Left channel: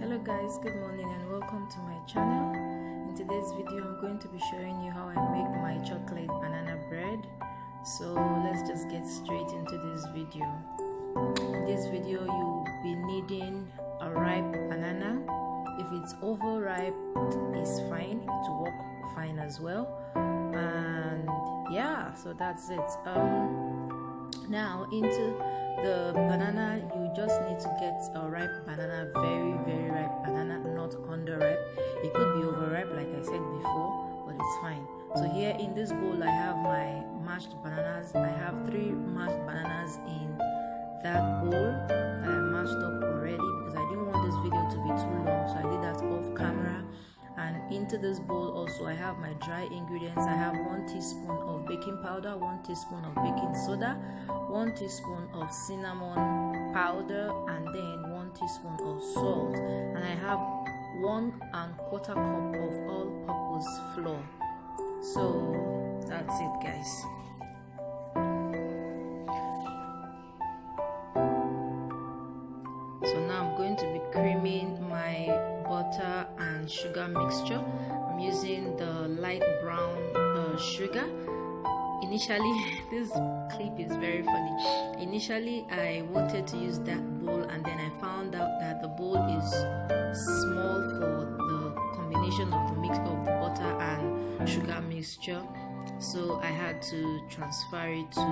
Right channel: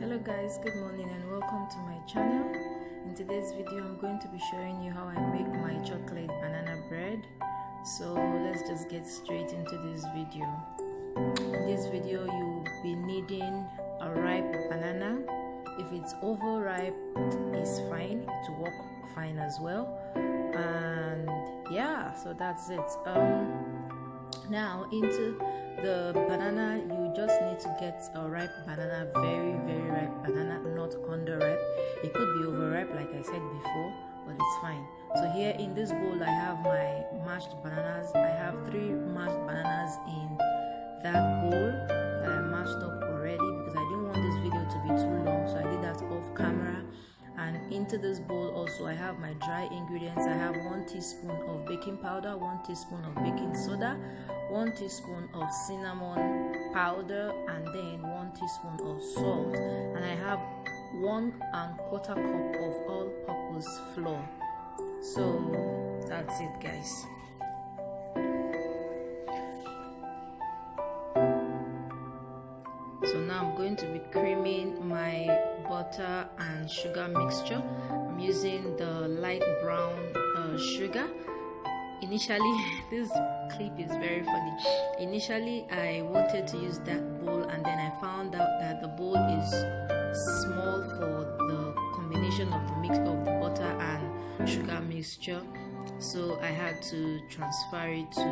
Hello guys, good morning and welcome to my channel. In today's video I'm going to be showing you how I make my chocolate banana bread. So let's just get straight into this video. In this video you'll be needing a ripe banana. If it's overripe, it's fine, it will work fine as well. And yeah, so that's it. Now into the banana, you just need to get a ripe banana, very ripe banana, not underripe. It could be overripe like I said before, but it's fine. So here in this bowl I have my mashed bananas. I have 3 mashed bananas in that bowl that I mashed up already because I didn't want this video to be too long, so I did that off camera. And into this bowl also I have my dry ingredients. I have 1 teaspoon of baking powder, 1 teaspoon of baking soda, 1 teaspoon of cinnamon powder, and then 1 teaspoon of salt. And I have 1 1/4 cup of all-purpose flour. So that's it, guys. So now I'm going to be creaming my butter and sugar mixture. I'm using the light brown sugar. Initially, this clip is very funny. Initially I wanted to use that bowl, and then I found out that the bowl is small for the combination of the mix of the butter and sugar mixture, so I had to transfer it to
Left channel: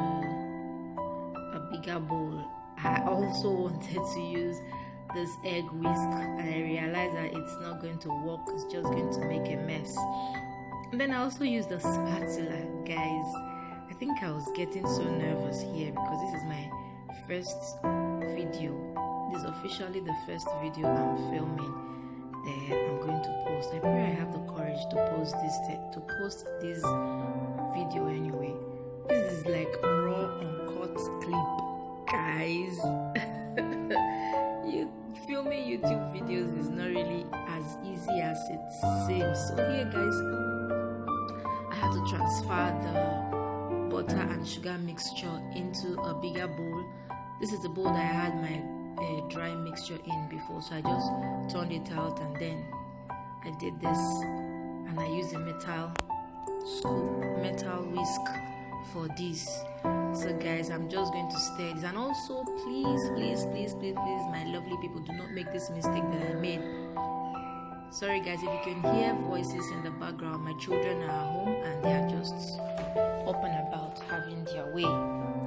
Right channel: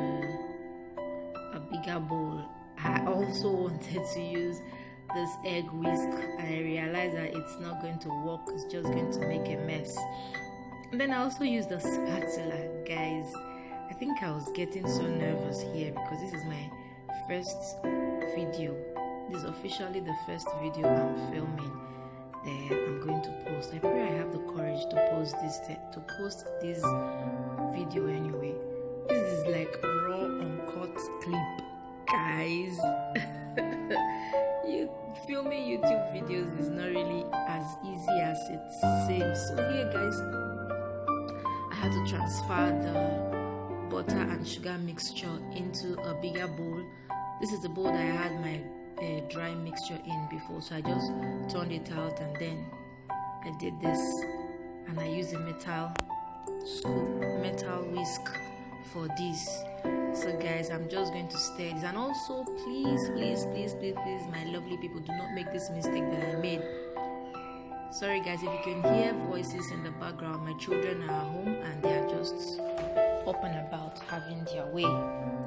a bigger bowl. I also wanted to use this egg whisk, and I realized that it's not going to work, it's just going to make a mess. And then I also used the spatula. Guys, I think I was getting so nervous here because this is my first video. This is officially the first video I'm filming that I'm going to post. I pray I have the courage to post this video anyway. This is like raw uncut clip, guys. Filming YouTube videos is not really as easy as it seems. So here, guys, I had to transfer the butter and sugar mixture into a bigger bowl. This is the bowl that I had my dry mixture in before, so I just turned it out, and then I did this, and I used a metal whisk for this. So guys, I'm just going to stir this. And also please, my lovely people, do not make this mistake that I made. Sorry guys if you can hear voices in the background. My children are at home and they are just up and about having their way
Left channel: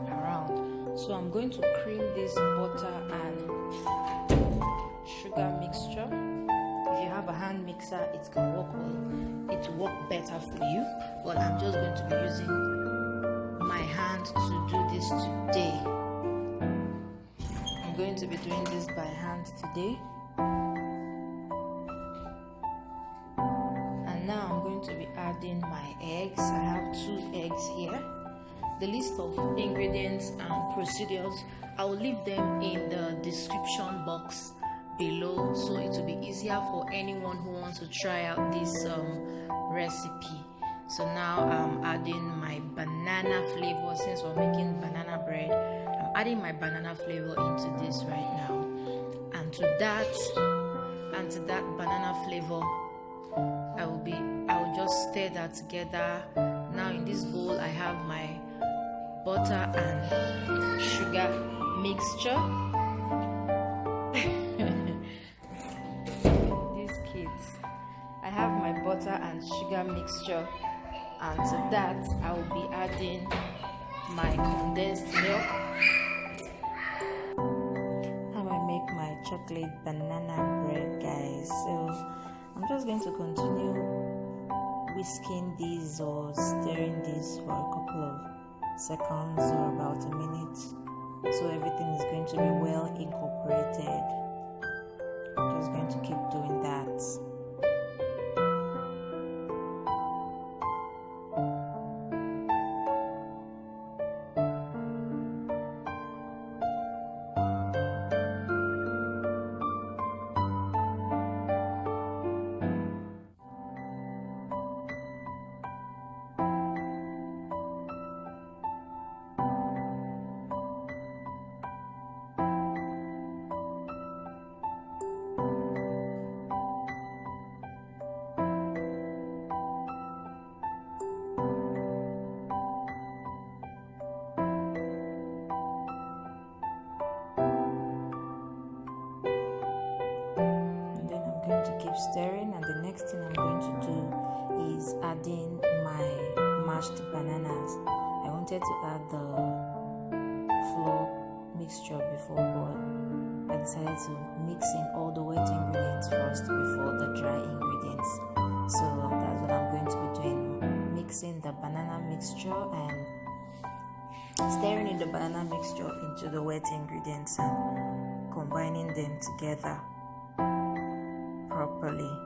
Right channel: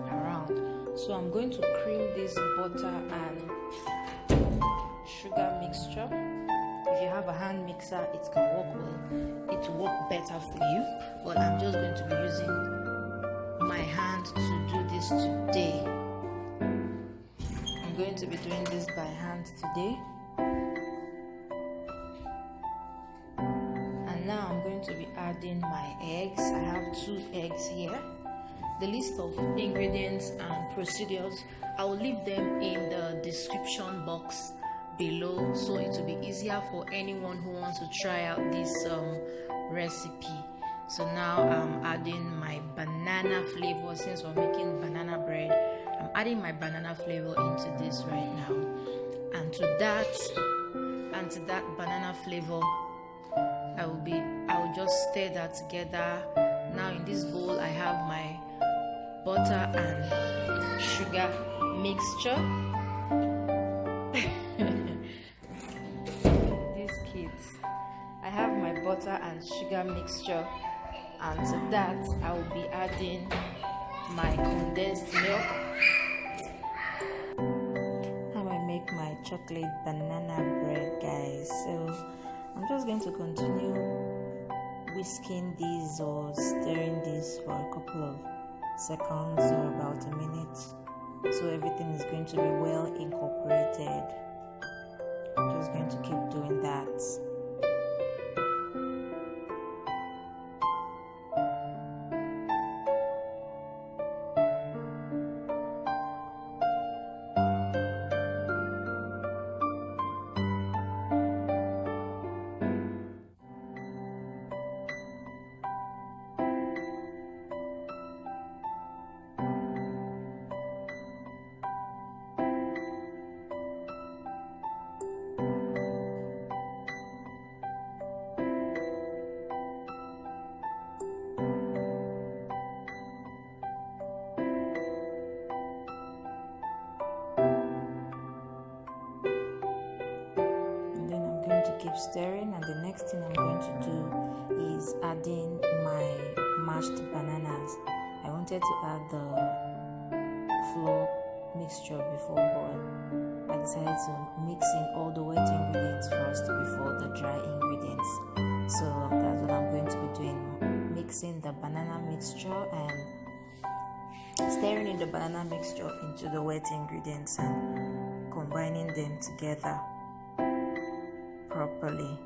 around. So I'm going to cream this butter and sugar mixture. If you have a hand mixer, it can work well, it will work better for you, but I'm just going to be using my hand to do this today. I'm going to be doing this by hand today. And now I'm going to be adding my eggs. I have 2 eggs here. The list of ingredients and procedures, I will leave them in the description box below, so it will be easier for anyone who wants to try out this recipe. So now I'm adding my banana flavor. Since we're making banana bread, I'm adding my banana flavor into this right now. And to that banana flavor, I will just stir that together. Now in this bowl I have my butter and sugar mixture. These kids. I have my butter and sugar mixture, and to that I will be adding my condensed milk. How I make my chocolate banana bread, guys. So I'm just going to continue whisking these or stirring this for a couple of seconds or about a minute, so everything is going to be well incorporated. Just going to keep doing that. keep stirring, and the next thing I'm going to do is adding my mashed bananas. I wanted to add the flour mixture before, but I decided to mix in all the wet ingredients first before the dry ingredients. So that's what I'm going to be doing, mixing the banana mixture and stirring in the banana mixture into the wet ingredients and combining them together properly.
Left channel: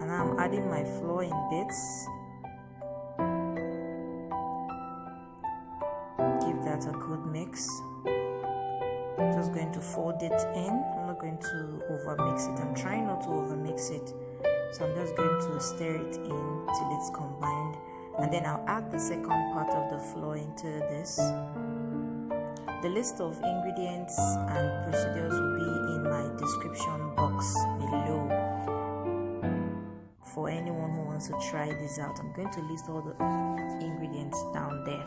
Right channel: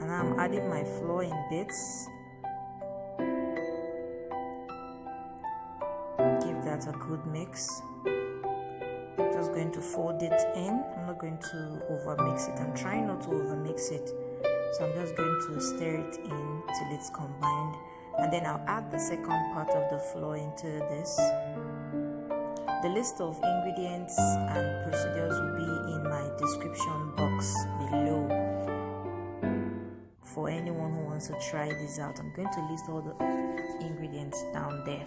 And I'm adding my flour in bits. Give that a good mix. Just going to fold it in. I'm not going to over mix it. I'm trying not to over mix it. So I'm just going to stir it in till it's combined, and then I'll add the second part of the flour into this. The list of ingredients and procedures will be in my description box below for anyone who wants to try this out. I'm going to list all the ingredients down there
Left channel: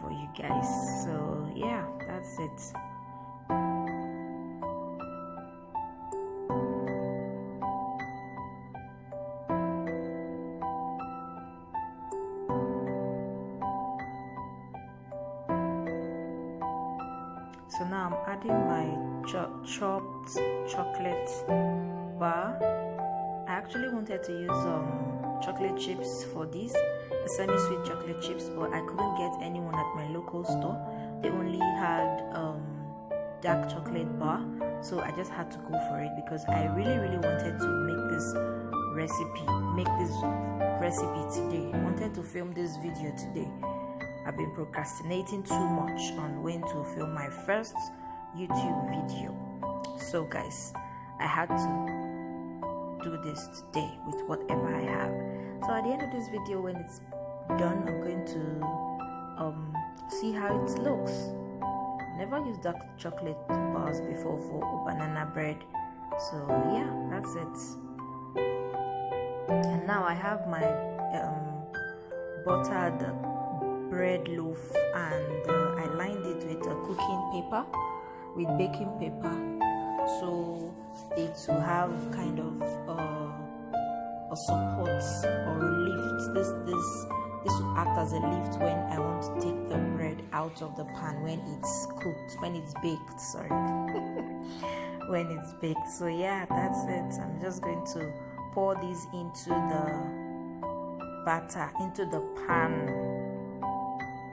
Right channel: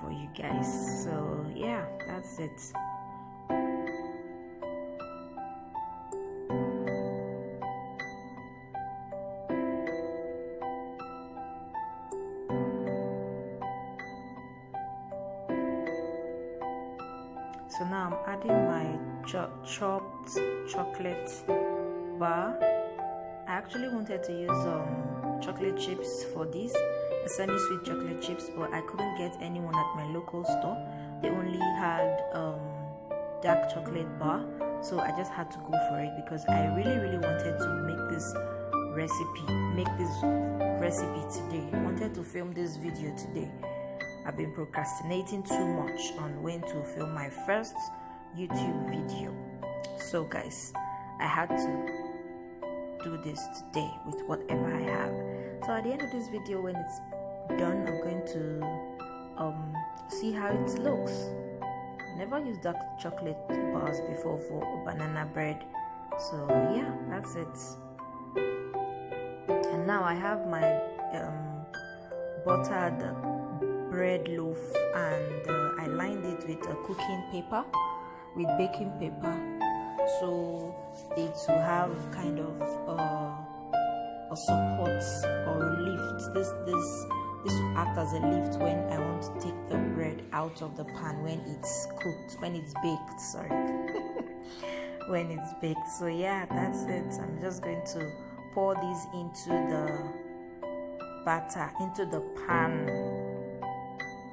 for you guys. So yeah, that's it. So now I'm adding my chopped chocolate bar. I actually wanted to use chocolate chips for this, semi-sweet chocolate chips, but I couldn't get anyone at my local store. They only had dark chocolate bar, so I just had to go for it because I really wanted to make this recipe today. I wanted to film this video today. I've been procrastinating too much on when to film my first YouTube video. So guys, I had to do this today with whatever I have. So at the end of this video, when it's done, I'm going to see how it looks. Never used dark chocolate bars before for banana bread. So yeah, that's it. And now I have my buttered bread loaf, and I lined it with a cooking paper, with baking paper, so it will have kind of a support or a lift. This will act as a lift when I want to take the bread out of the pan when it's cooked, when it's baked, sorry. When it's baked. So yeah, that's it. I'm just going to pour this into the batter, into the pan,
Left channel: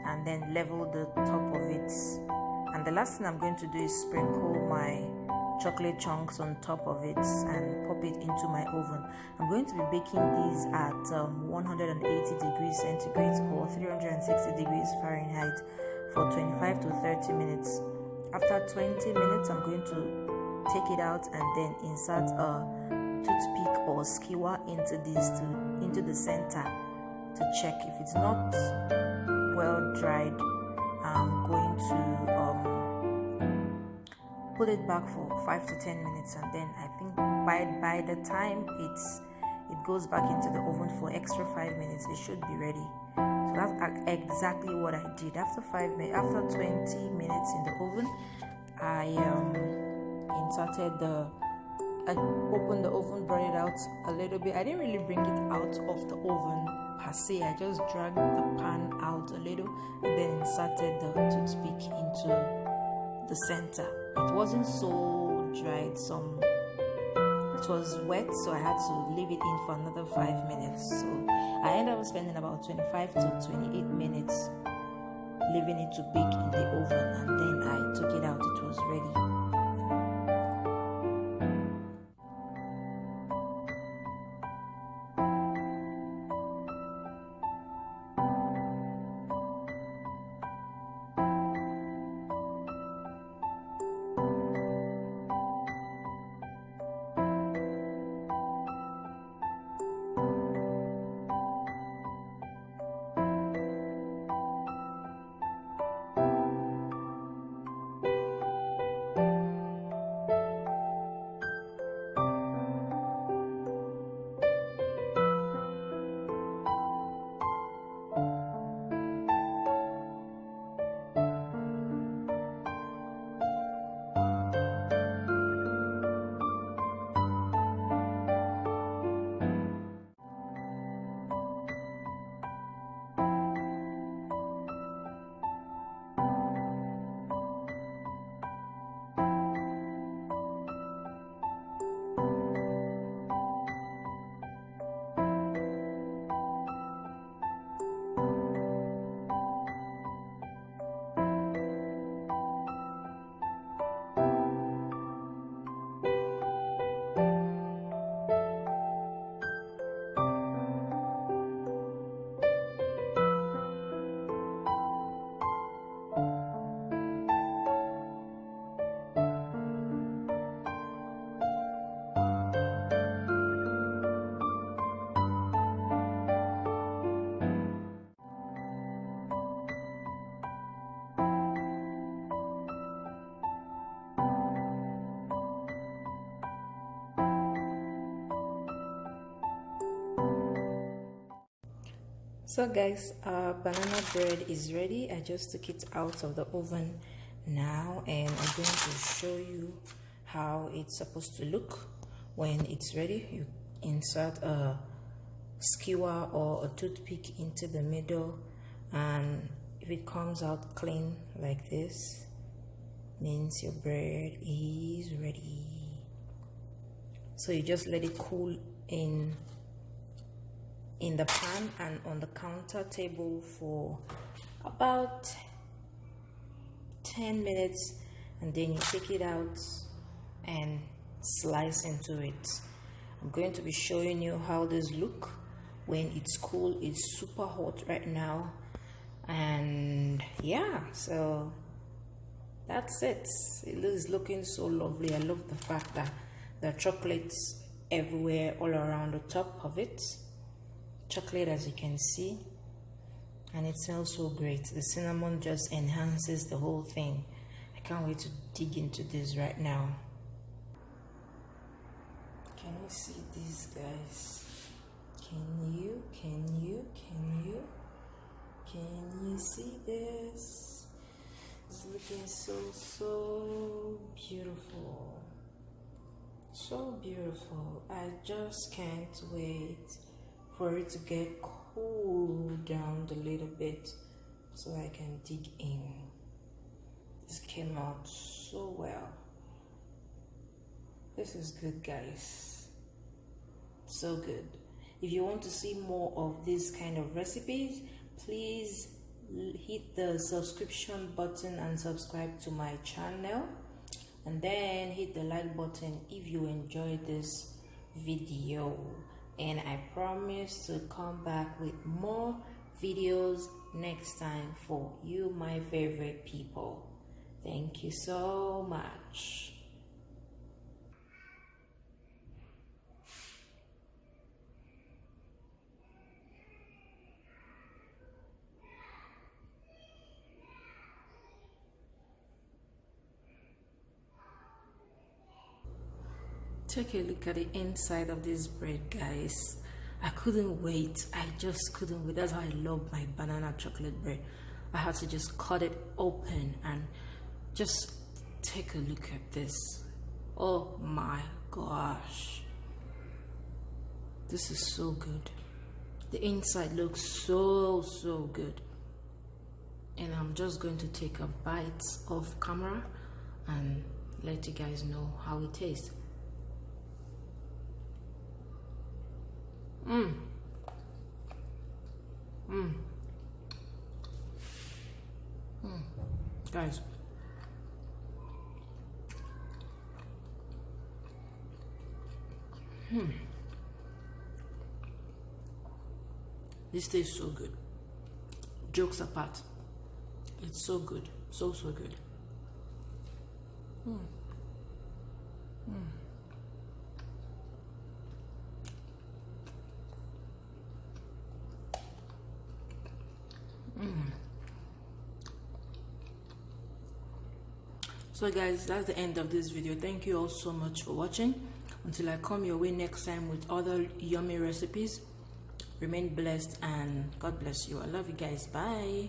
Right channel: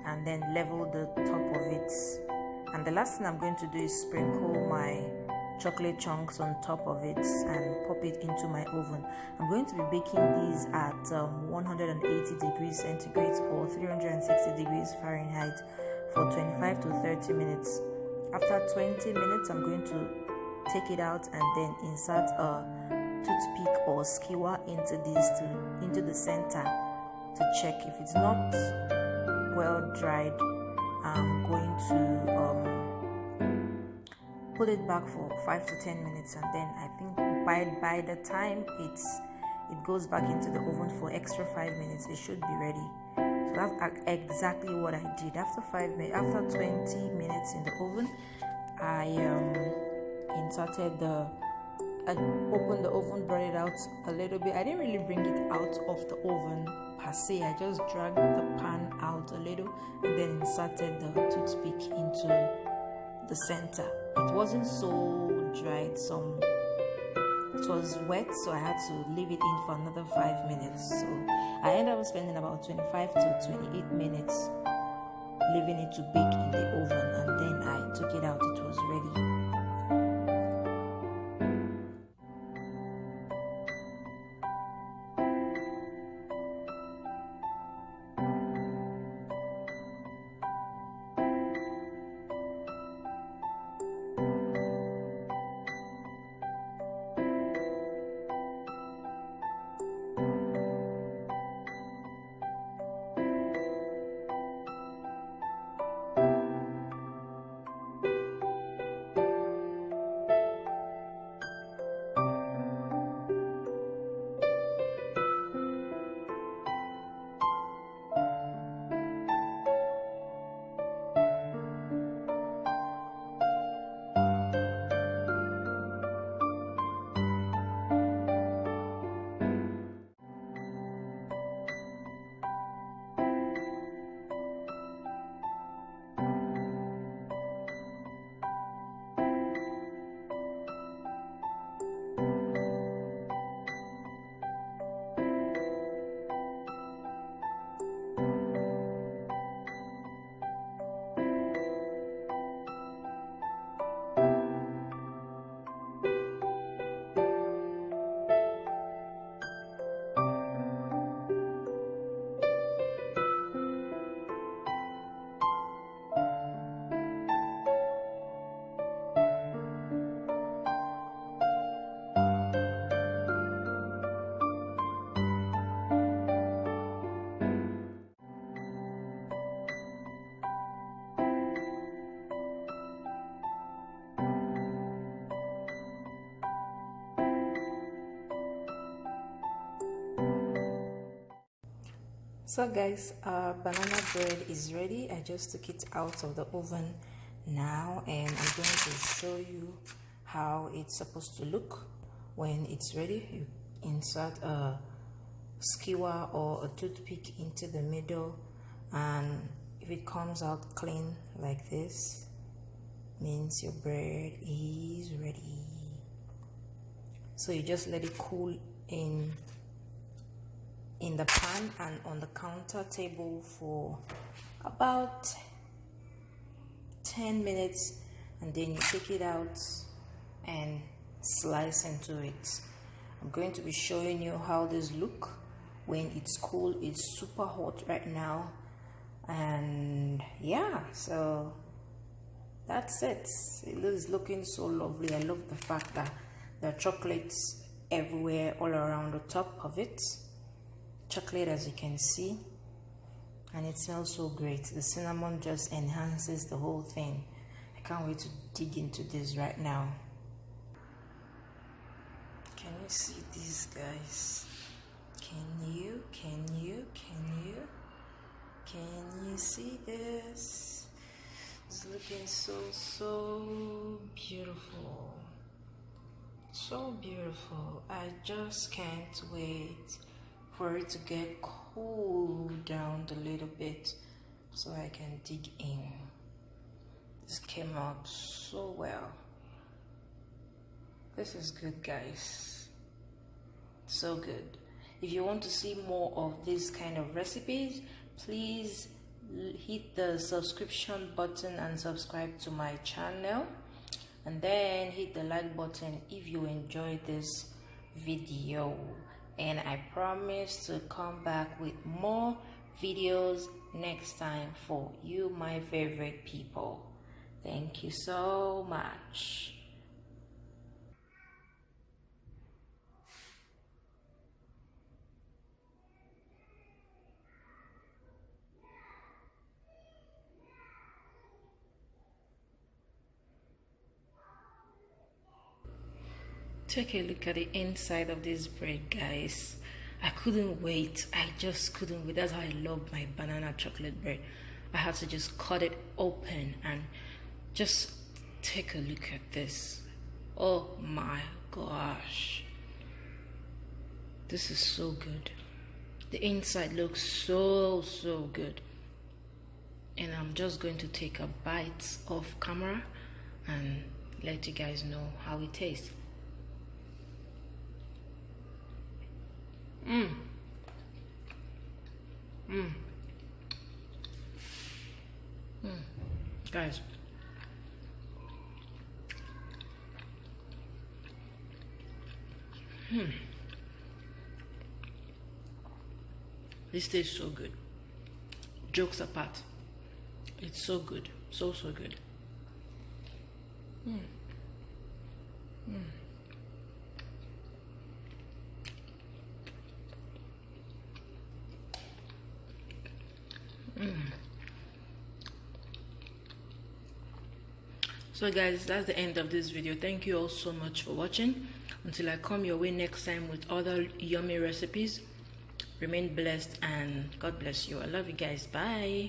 and then level the top of it. And the last thing I'm going to do is sprinkle my chocolate chunks on top of it and pop it into my oven. I'm going to be baking these at 180 degrees centigrade or 360 degrees Fahrenheit for 25 to 30 minutes. After 20 minutes, I'm going to take it out and then insert a toothpick or skewer into the center to check if it's not well dried. I'm going to put it back for 5 to 10 minutes, and then I think by the time it goes back into the oven for extra 5 minutes, it should be ready. So that's exactly what I did. After 20 minutes in the oven, I opened the oven, brought it out a little bit. I didn't really bring it out of the oven per se. I just dragged the pan out a little and then inserted the toothpick into the center. It wasn't so dried. It was wet, so I had to leave it in for another 5 minutes. So I ended up spending about 25 to 28 minutes leaving it to bake in the oven, and then I took it out. It was ready. So guys, our banana bread is ready. I just took it out of the oven now, and I'm going to show you how it's supposed to look when it's ready. You insert a skewer or a toothpick into the middle, and if it comes out clean like this, means your bread is ready. So you just let it cool in the pan and on the counter table for about 10 minutes, and then you take it out and slice into it. I'm going to be showing you how this look when it's cool. It's super hot right now, and yeah, so that's it. It is looking so lovely. I love the fact that there are chocolates everywhere all around the top of it. Chocolate, as you can see, and it smells so great. The cinnamon just enhances the whole thing. I can't wait to dig into this right now. Can you see these, guys? Can you see this? It's looking so beautiful, so beautiful. I just can't wait for it to get cooled down a little bit so I can dig in. This came out so well. This is good, guys. So good. If you want to see more of these kind of recipes, please hit the subscription button and subscribe to my channel, and then hit the like button if you enjoyed this video. And I promise to come back with more videos next time for you, my favorite people. Thank you so much. Take a look at the inside of this bread, guys. I couldn't wait. I just couldn't wait. That's how I love my banana chocolate bread. I had to just cut it open and just take a look at this. Oh my gosh. This is so good. The inside looks so good. And I'm just going to take a bite off camera and let you guys know how it tastes. Guys, this tastes so good. Jokes apart, it's so good, so good. So guys, that's the end of this video. Thank you all so much for watching. Until I come your way next time with other yummy recipes, remain blessed and God bless you. I love you guys. Bye.